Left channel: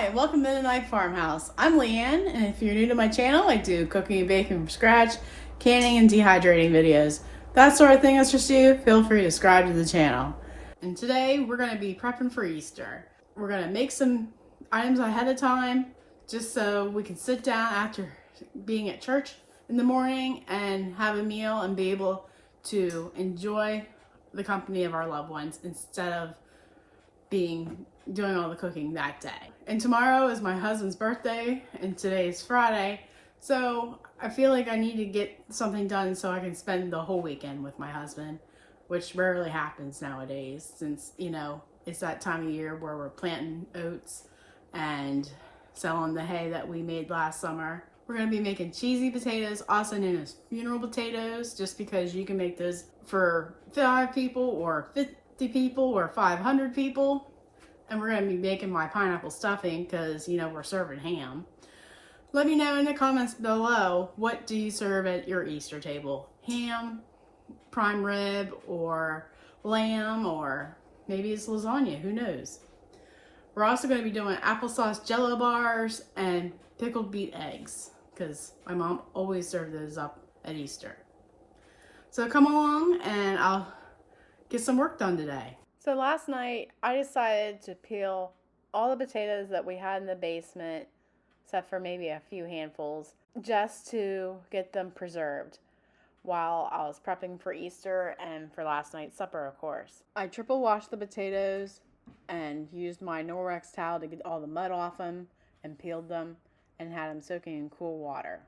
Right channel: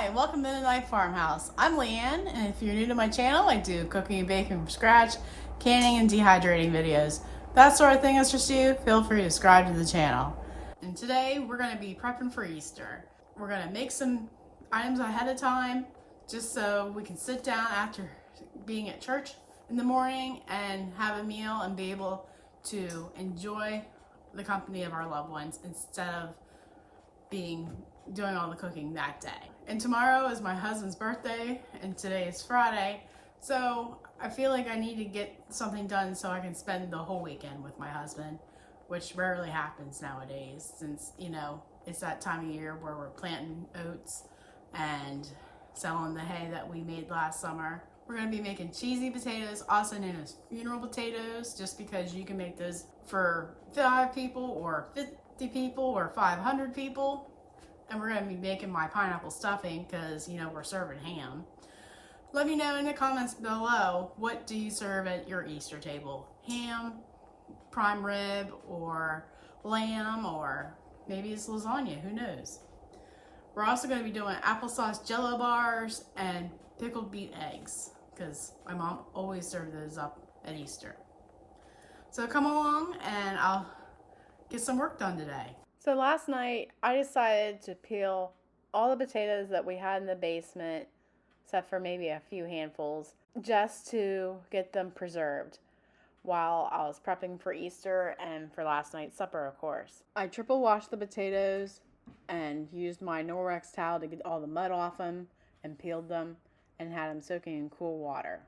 Hi, and welcome to Mennonite Farmhouse. I'm Leanne, and if you're new to my channel, I do cooking and baking from scratch, canning and dehydrating videos. That sort of thing interests you, feel free to subscribe to the channel. And today, we're going to be prepping for Easter. We're going to make some items ahead of time, just so we can sit down after being at church in the morning and have a meal and be able to enjoy the company of our loved ones instead of doing all the cooking that day. And tomorrow is my husband's birthday and today is Friday, so I feel like I need to get something done so I can spend the whole weekend with my husband, which rarely happens nowadays since, you know, it's that time of year where we're planting oats and selling the hay that we made last summer. We're going to be making cheesy potatoes, also known as funeral potatoes, just because you can make those for 5 people or 50 people or 500 people. And we're going to be making my pineapple stuffing because, you know, we're serving ham. Let me know in the comments below, what do you serve at your Easter table? Ham, prime rib, or lamb, or maybe it's lasagna, who knows? We're also going to be doing applesauce Jello bars and pickled beet eggs because my mom always served those up at Easter. So come along and I'll get some work done today. So last night, I decided to peel all the potatoes that we had in the basement, except for maybe a few handfuls, just to get them preserved while I was prepping for Easter and for last night's supper, of course. I triple washed the potatoes and used my Norwex towel to get all the mud off them and peeled them and had them soaking in cool water.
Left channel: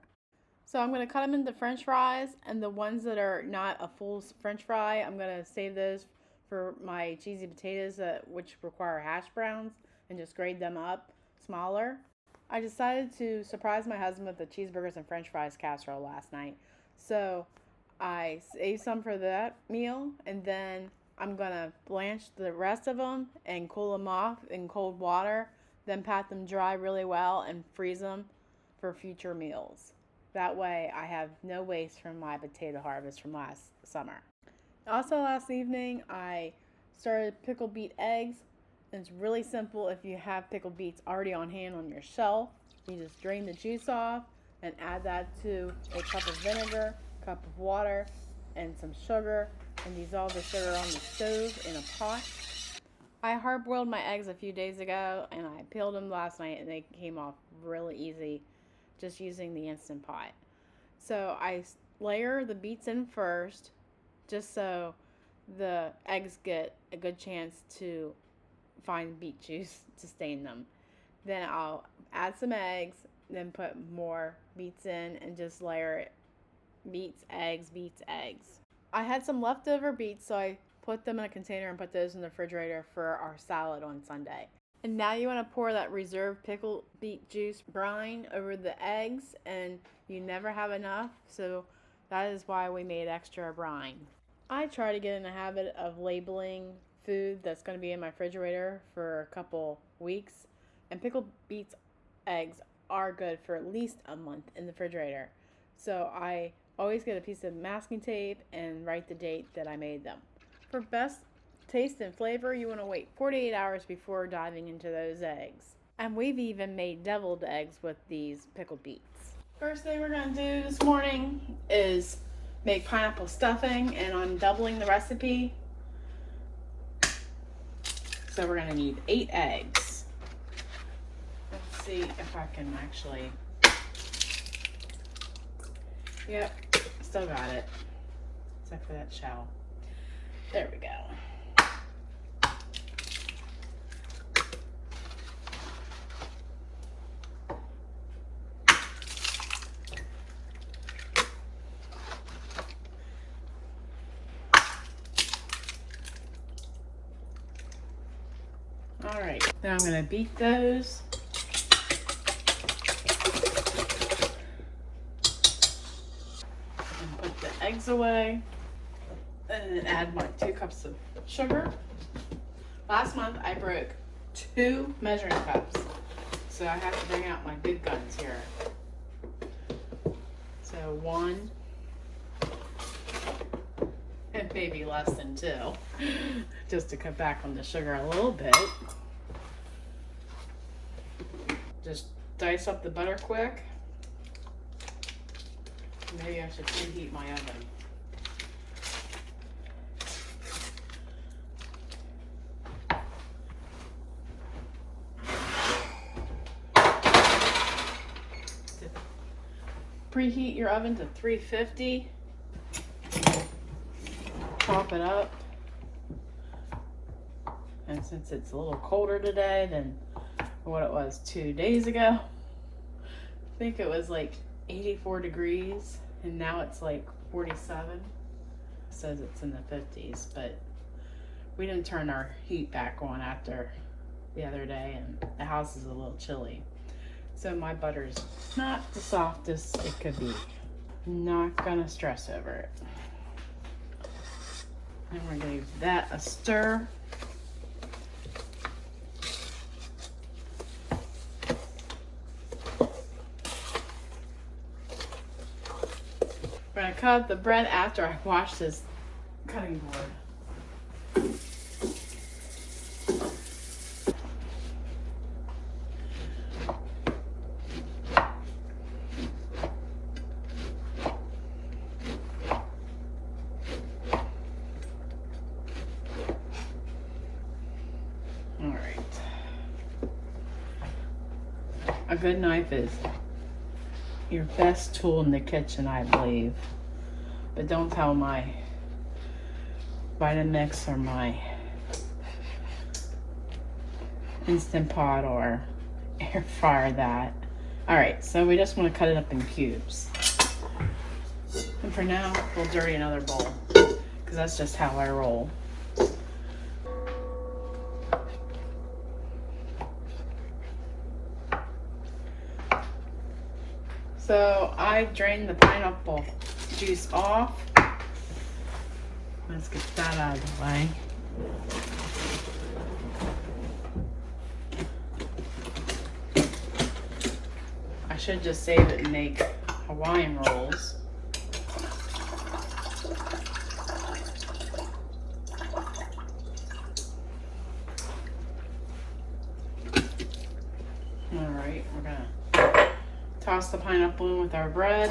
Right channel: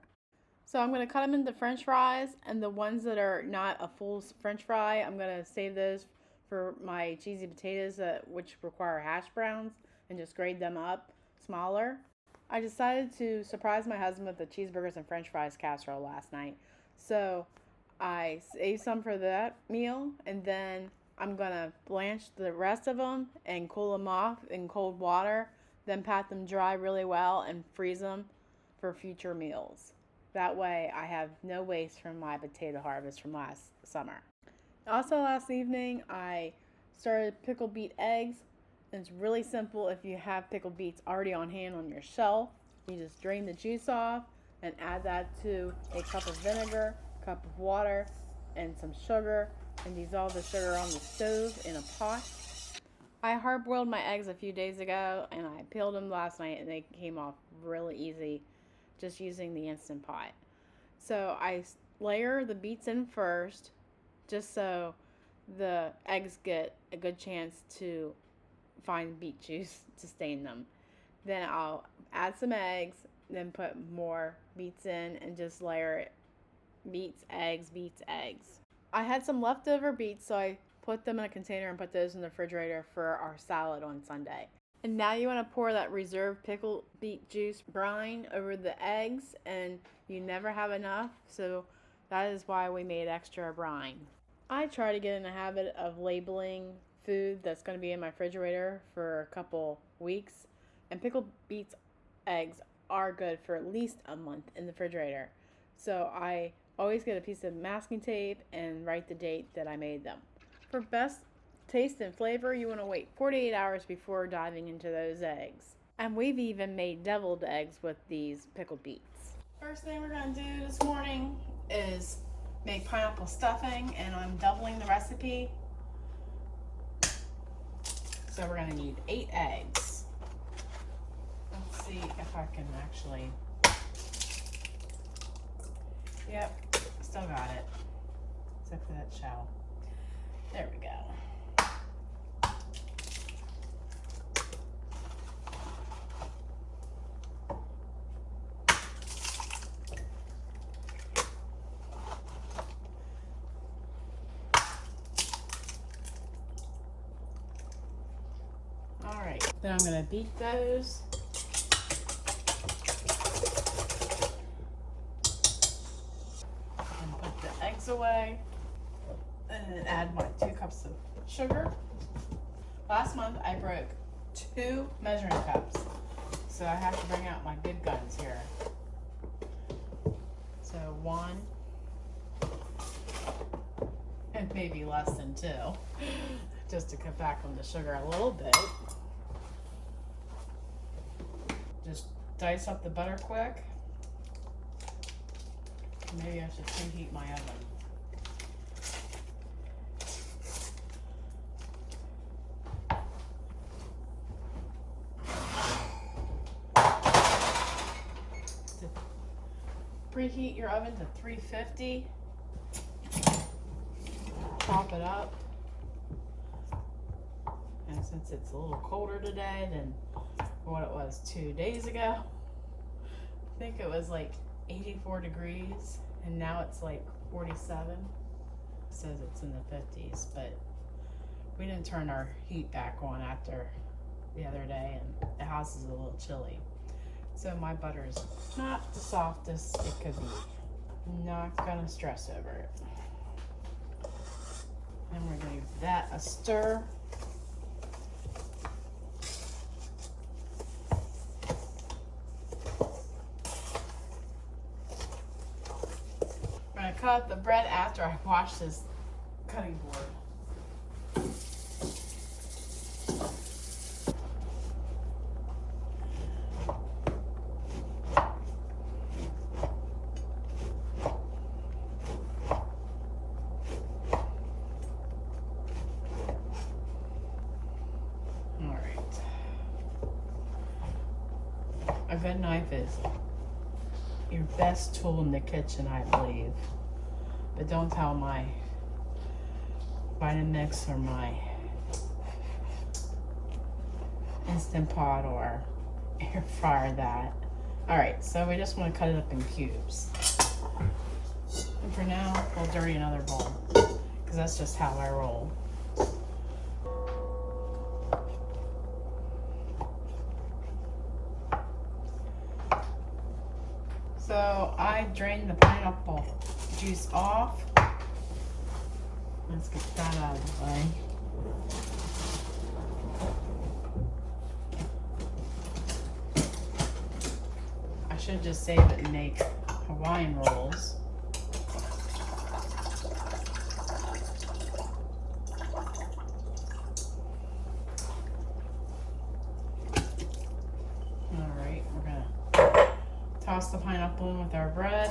So I'm going to cut them into French fries, and the ones that are not a full French fry, I'm going to save those for my cheesy potatoes which require hash browns, and just grade them up smaller. I decided to surprise my husband with the cheeseburgers and French fries casserole last night. So I saved some for that meal, and then I'm gonna blanch the rest of them and cool them off in cold water, then pat them dry really well and freeze them for future meals. That way I have no waste from my potato harvest from last summer. Also last evening, I started pickled beet eggs. It's really simple if you have pickled beets already on hand on your shelf. You just drain the juice off and add that to a cup of vinegar, cup of water, and some sugar, and dissolve the sugar on the stove in a pot. I hard-boiled my eggs a few days ago, and I peeled them last night, and they came off really easy just using the Instant Pot. So I layer the beets in first, just so the eggs get a good chance to find beet juice to stain them. Then I'll add some eggs, then put more beets in and just layer it. Beets, eggs, beets, eggs. I had some leftover beets, so I put them in a container and put those in the refrigerator for our salad on Sunday. And now you want to pour that reserved pickled beet juice brine over the eggs, and you never have enough, so that is why we made extra brine. I try to get in the habit of labeling food that's going to be in my refrigerator for a couple weeks. And pickled beets eggs are good for at least a month in the refrigerator. So I always get a piece of masking tape and write the date that I made them. For best taste and flavor, you want to wait 48 hours before diving into those eggs. And we've even made deviled eggs with these pickled beets. First thing we're going to do this morning is make pineapple stuffing, and I'm doubling the recipe. So we're going to need 8 eggs. Let's see if I can actually... Yep, still got it. Except for that shell. There we go. Alright, then I'm going to beat those. And put the eggs away. And then add my 2 cups of sugar. Last month I broke 2 measuring cups, so I have to bring out my good guns here. So 1, and maybe less than 2, just to cut back on the sugar a little bit. dice up the butter quick. Maybe I should preheat my oven. Preheat your oven to 350. Top it up. And since it's a little colder today than what it was 2 days ago, I think it was like 84 degrees and now it's like 47. It says it's in the 50s, but we didn't turn our heat back on after the other day and the house is a little chilly. So my butter's not the softest it could be. Not gonna stress over it. And we're gonna give that a stir. We're gonna cut up the bread after I wash this cutting board. A good knife is your best tool in the kitchen, I believe. But don't tell my Vitamix or my Instant Pot or air fryer that. Alright, so we just want to cut it up in cubes. And for now, we'll dirty another bowl, because that's just how I roll. So I drained the pineapple juice off. Let's get that out of the way. I should just save it and make Hawaiian rolls. Alright, we're gonna toss the pineapple in with our bread.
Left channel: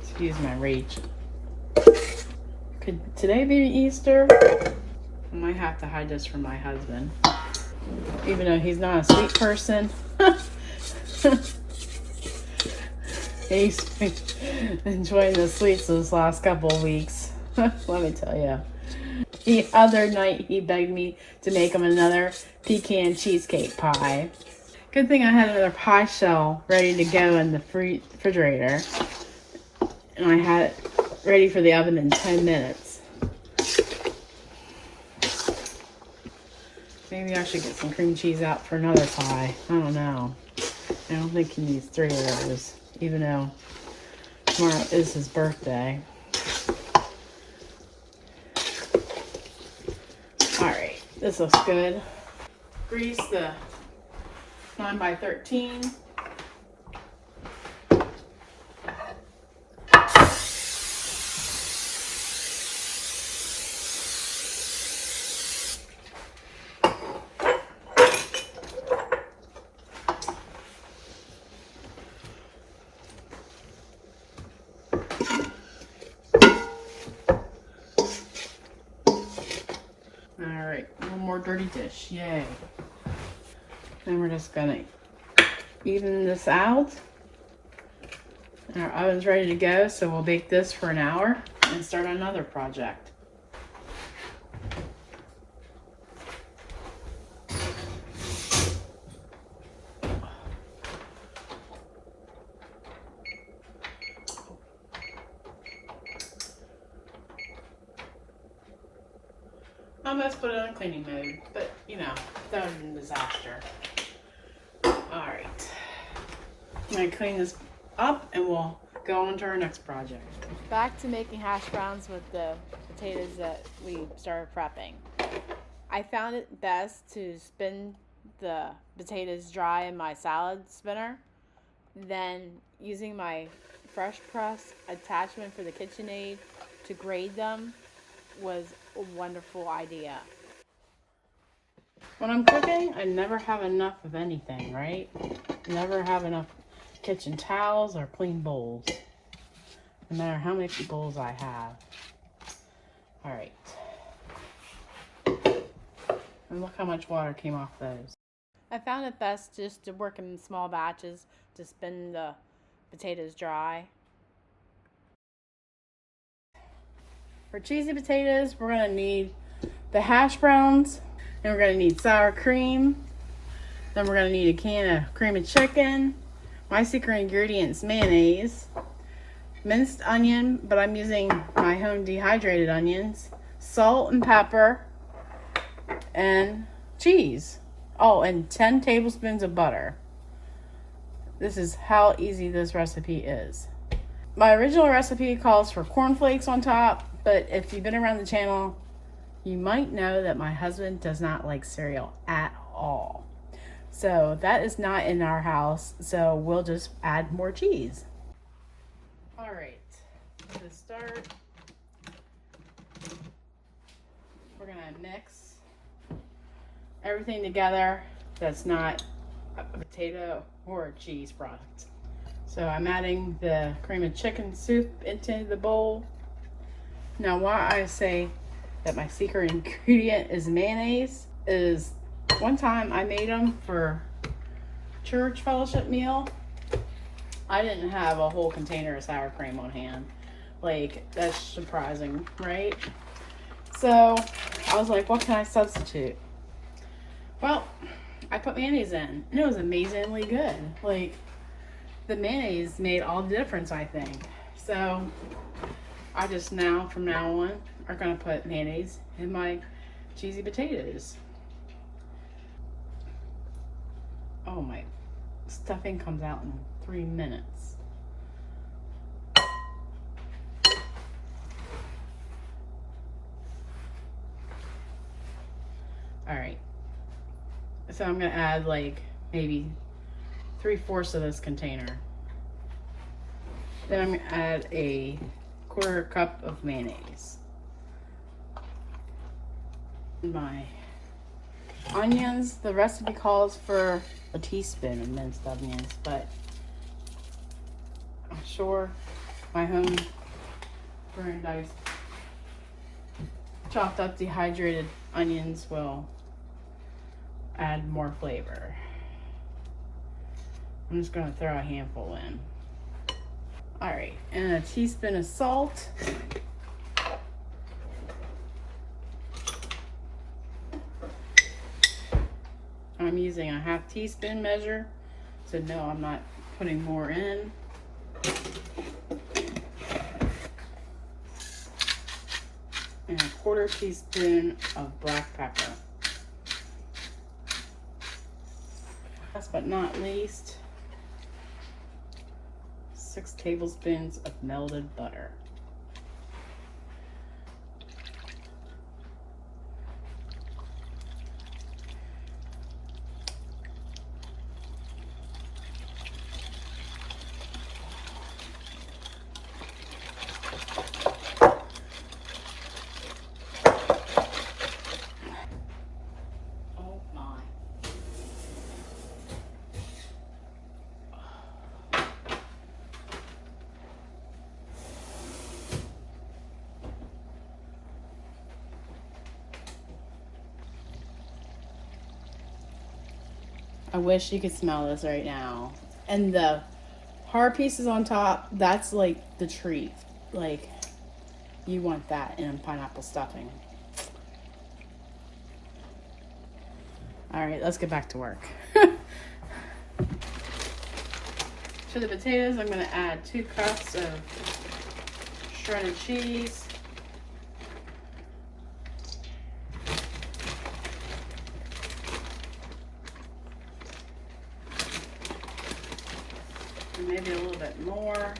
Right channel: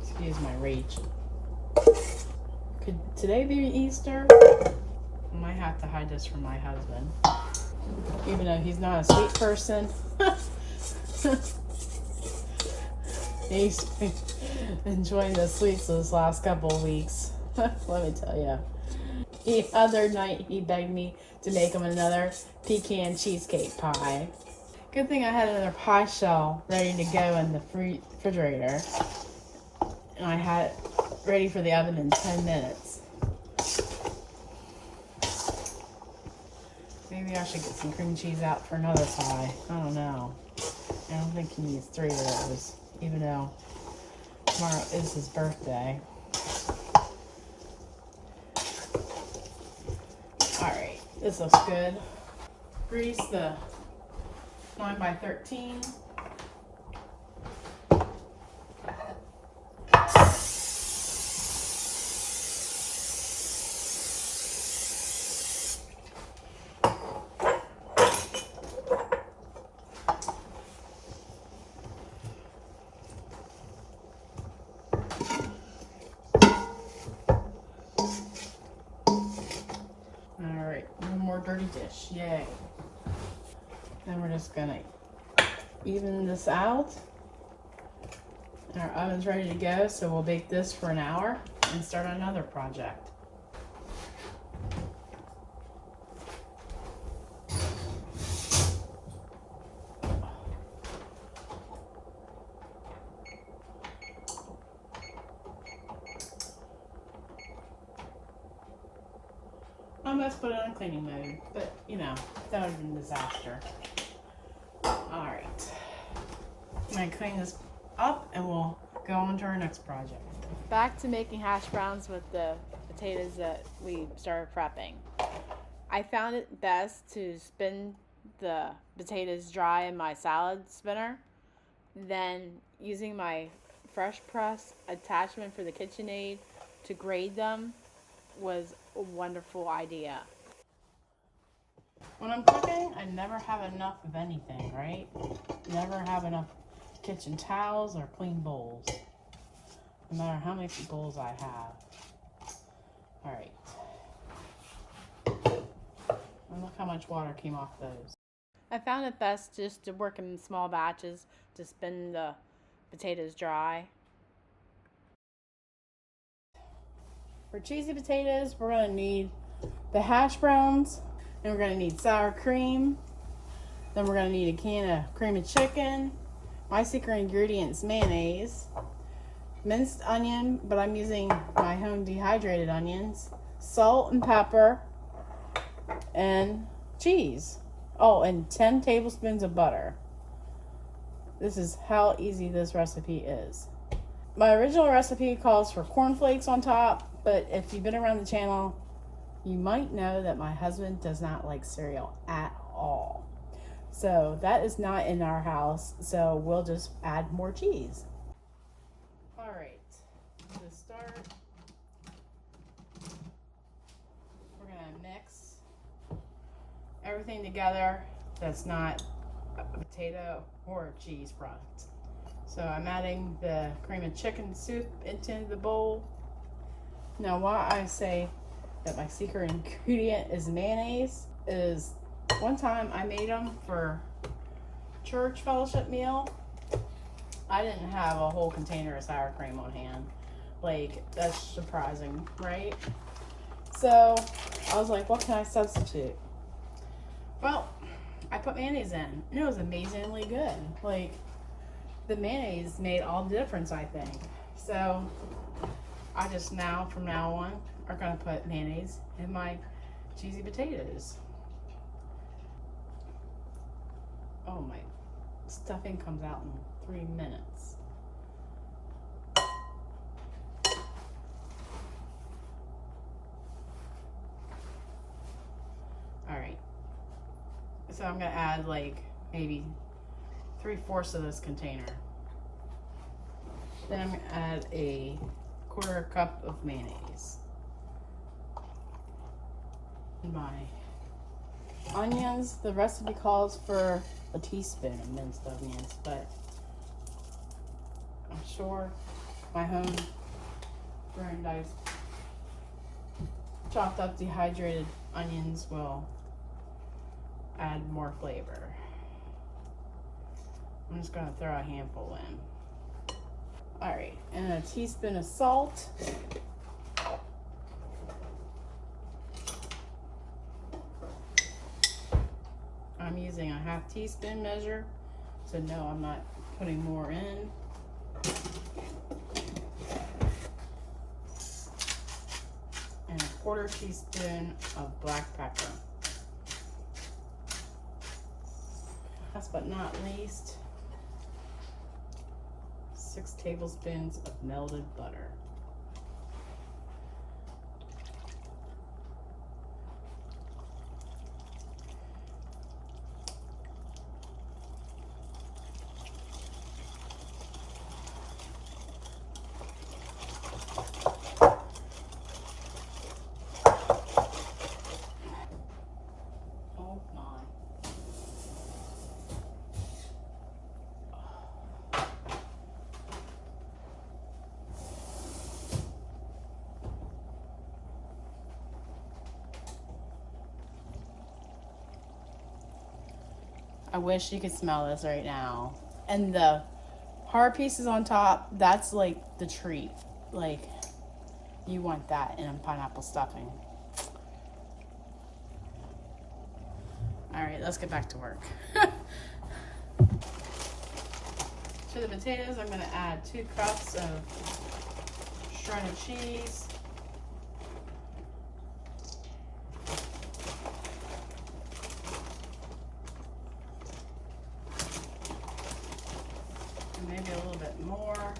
Excuse my reach. Could today be Easter? I might have to hide this from my husband. Even though he's not a sweet person. He's enjoying the sweets this last couple of weeks. Let me tell you. The other night he begged me to make him another pecan cheesecake pie. Good thing I had another pie shell ready to go in the refrigerator. And I had it ready for the oven in 10 minutes. Maybe I should get some cream cheese out for another pie. I don't know. I don't think he needs 3 of those, even though tomorrow is his birthday. Alright, this looks good. Grease the 9x13. Dirty dish, yay. Then we're just gonna even this out. And our oven's ready to go, so we'll bake this for an hour and start another project. Almost put it on cleaning mode, but you know, that would have been a disaster. Alright. I'm going to clean this up and we'll go on to our next project. Back to making hash browns with the potatoes that we started prepping. I found it best to spin the potatoes dry in my salad spinner, then using my fresh press attachment for the KitchenAid to grate them was a wonderful idea. When I'm cooking, I never have enough of anything, right? Never have enough kitchen towels or clean bowls, no matter how many bowls I have. All right. And look how much water came off those. I found it best just to work in small batches to spin the potatoes dry. For cheesy potatoes, we're gonna need the hash browns, and we're gonna need sour cream. Then we're gonna need a can of cream of chicken. My secret ingredient is mayonnaise, minced onion, but I'm using my home dehydrated onions, salt and pepper, and cheese. Oh, and 10 tablespoons of butter. This is how easy this recipe is. My original recipe calls for cornflakes on top, but if you've been around the channel, you might know that my husband does not like cereal at all. So that is not in our house, so we'll just add more cheese. All right, to start, we're gonna mix everything together that's not a potato or a cheese product. So I'm adding the cream of chicken soup into the bowl. Now why I say that my secret ingredient is mayonnaise is one time I made them for church fellowship meal. I didn't have a whole container of sour cream on hand. Like, that's surprising, right? So I was like, what can I substitute? Well, I put mayonnaise in, and it was amazingly good. Like, the mayonnaise made all the difference, I think. So I just from now on, are gonna put mayonnaise in my cheesy potatoes. Oh, my stuffing comes out in 3 minutes. All right, so I'm gonna add like maybe 3/4 of this container. Then I'm gonna add a 1/4 cup of mayonnaise. My onions, the recipe calls for a teaspoon of minced onions, but I'm sure my home brand diced chopped up dehydrated onions will add more flavor. I'm just gonna throw a handful in. All right, and a teaspoon of salt. I'm using a 1/2 teaspoon measure, so no, I'm not putting more in. And a 1/4 teaspoon of black pepper. Last but not least, 6 tablespoons of melted butter. I wish you could smell this right now. And the hard pieces on top, that's like the treat. Like, you want that in pineapple stuffing. All right, let's get back to work. To the potatoes, I'm gonna add 2 cups of shredded cheese. Maybe a little bit more.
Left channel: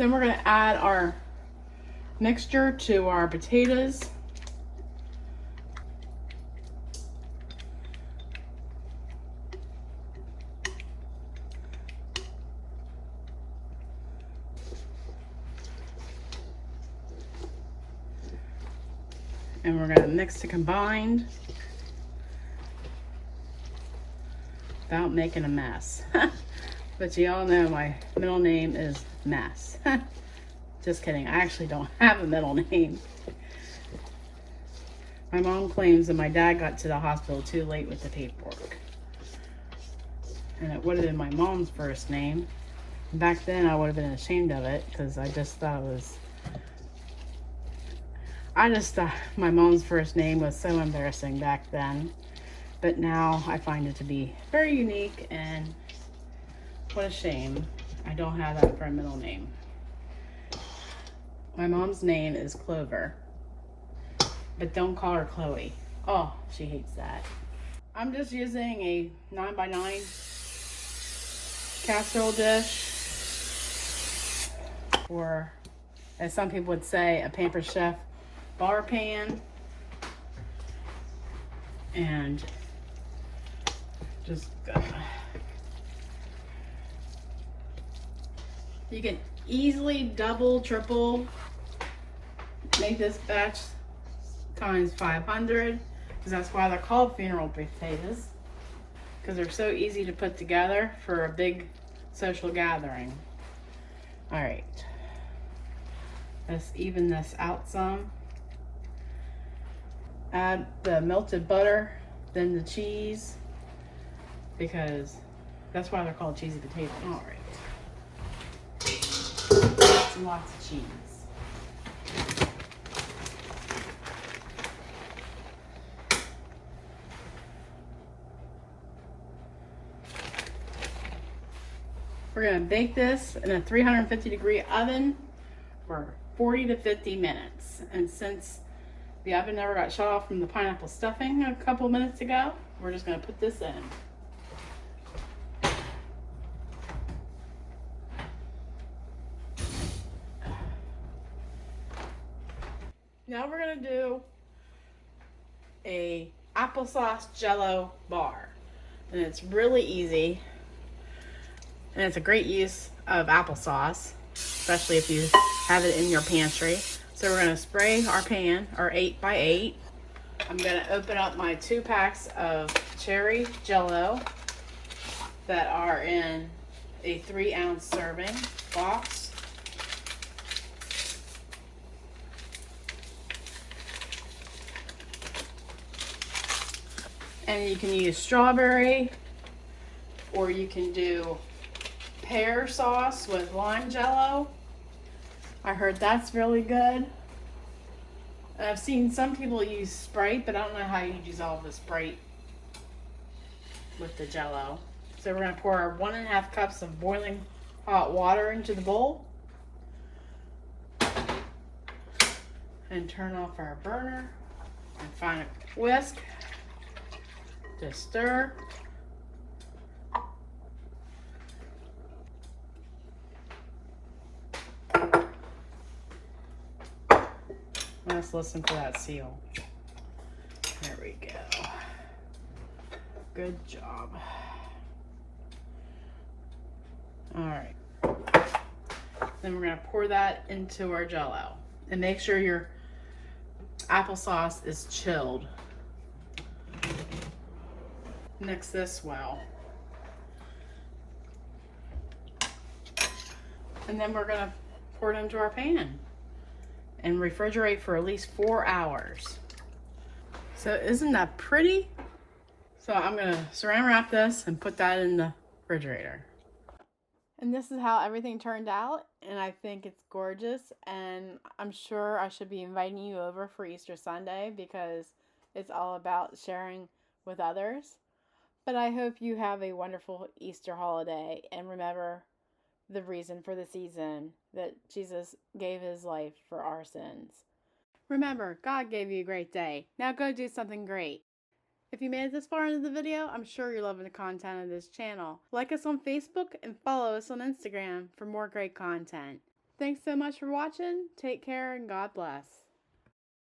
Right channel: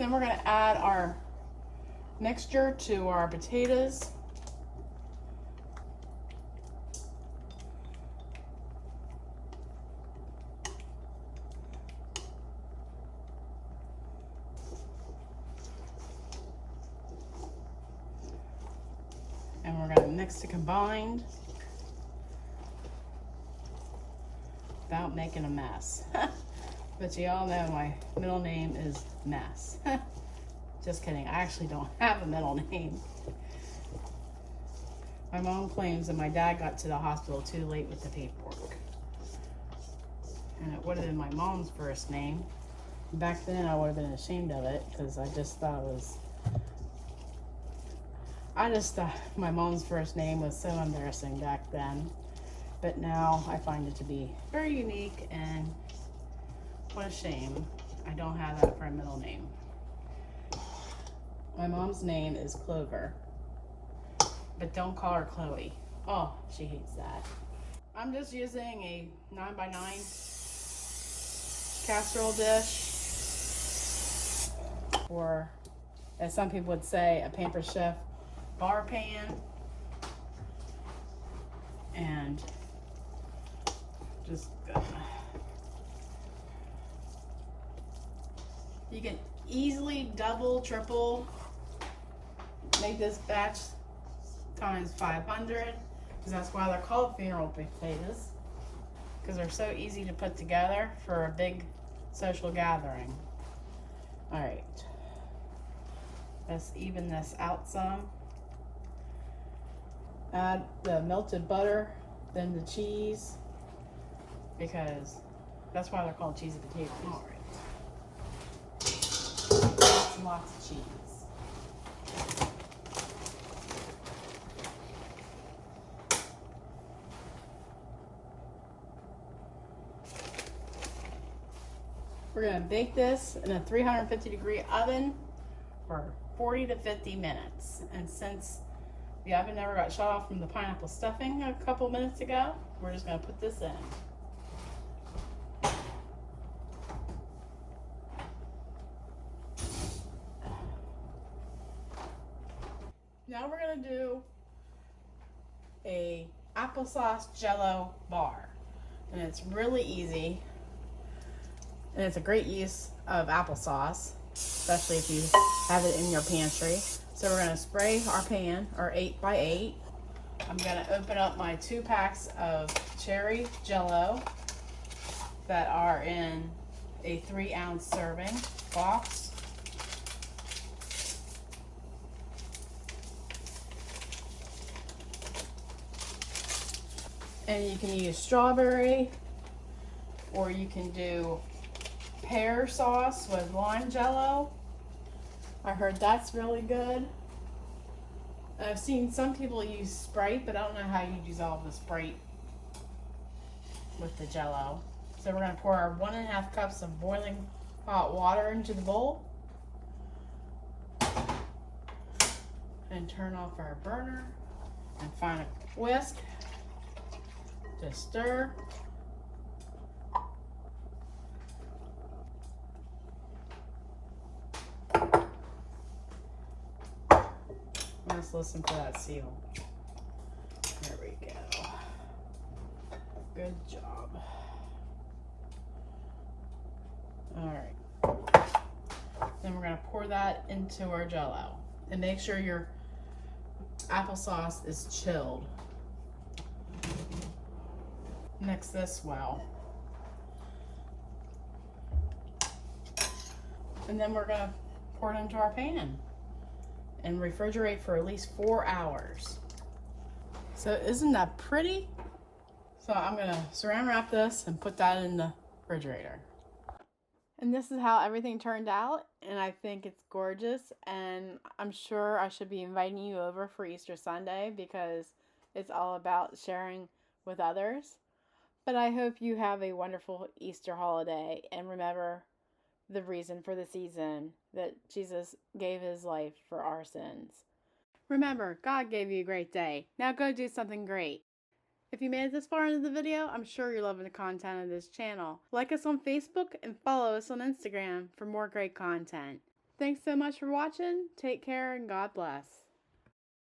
Then we're going to add our mixture to our potatoes. And we're going to mix it combined without making a mess. But you all know my middle name is Mess. Just kidding, I actually don't have a middle name. My mom claims that my dad got to the hospital too late with the paperwork. And it would have been my mom's first name. Back then I would have been ashamed of it because I just thought my mom's first name was so embarrassing back then. But now I find it to be very unique, and what a shame I don't have that for a middle name. My mom's name is Clover, but don't call her Chloe. Oh, she hates that. I'm just using a 9x9 casserole dish, or as some people would say, a Paper Chef bar pan, and just you can easily double, triple, make this batch times 500, because that's why they're called funeral potatoes, because they're so easy to put together for a big social gathering. All right, let's even this out some. Add the melted butter, then the cheese, because that's why they're called cheesy potatoes. All right, lots and lots of cheese. We're gonna bake this in a 350-degree oven for 40 to 50 minutes. And since the oven never got shut off from the pineapple stuffing a couple minutes ago, we're just gonna put this in. Now we're gonna do a applesauce Jello bar. And it's really easy. And it's a great use of applesauce, especially if you have it in your pantry. So we're gonna spray our pan, our 8x8. I'm gonna open up my 2 packs of cherry Jello that are in a 3-ounce serving box. And you can use strawberry, or you can do pear sauce with lime Jello. I heard that's really good. I've seen some people use Sprite, but I don't know how you dissolve the Sprite with the Jello. So we're gonna pour our 1.5 cups of boiling hot water into the bowl. And turn off our burner and find a whisk to stir. Let's listen for that seal. There we go. Good job. All right. Then we're gonna pour that into our Jello. And make sure your applesauce is chilled. Mix this well. And then we're gonna pour it into our pan and refrigerate for at least 4 hours. So isn't that pretty? So I'm gonna saran wrap this and put that in the refrigerator. And this is how everything turned out, and I think it's gorgeous, and I'm sure I should be inviting you over for Easter Sunday because it's all about sharing with others. But I hope you have a wonderful Easter holiday, and remember the reason for the season, that Jesus gave his life for our sins. Remember, God gave you a great day. Now go do something great. If you made it this far into the video, I'm sure you're loving the content of this channel. Like us on Facebook and follow us on Instagram for more great content. Thanks so much for watching. Take care and God bless.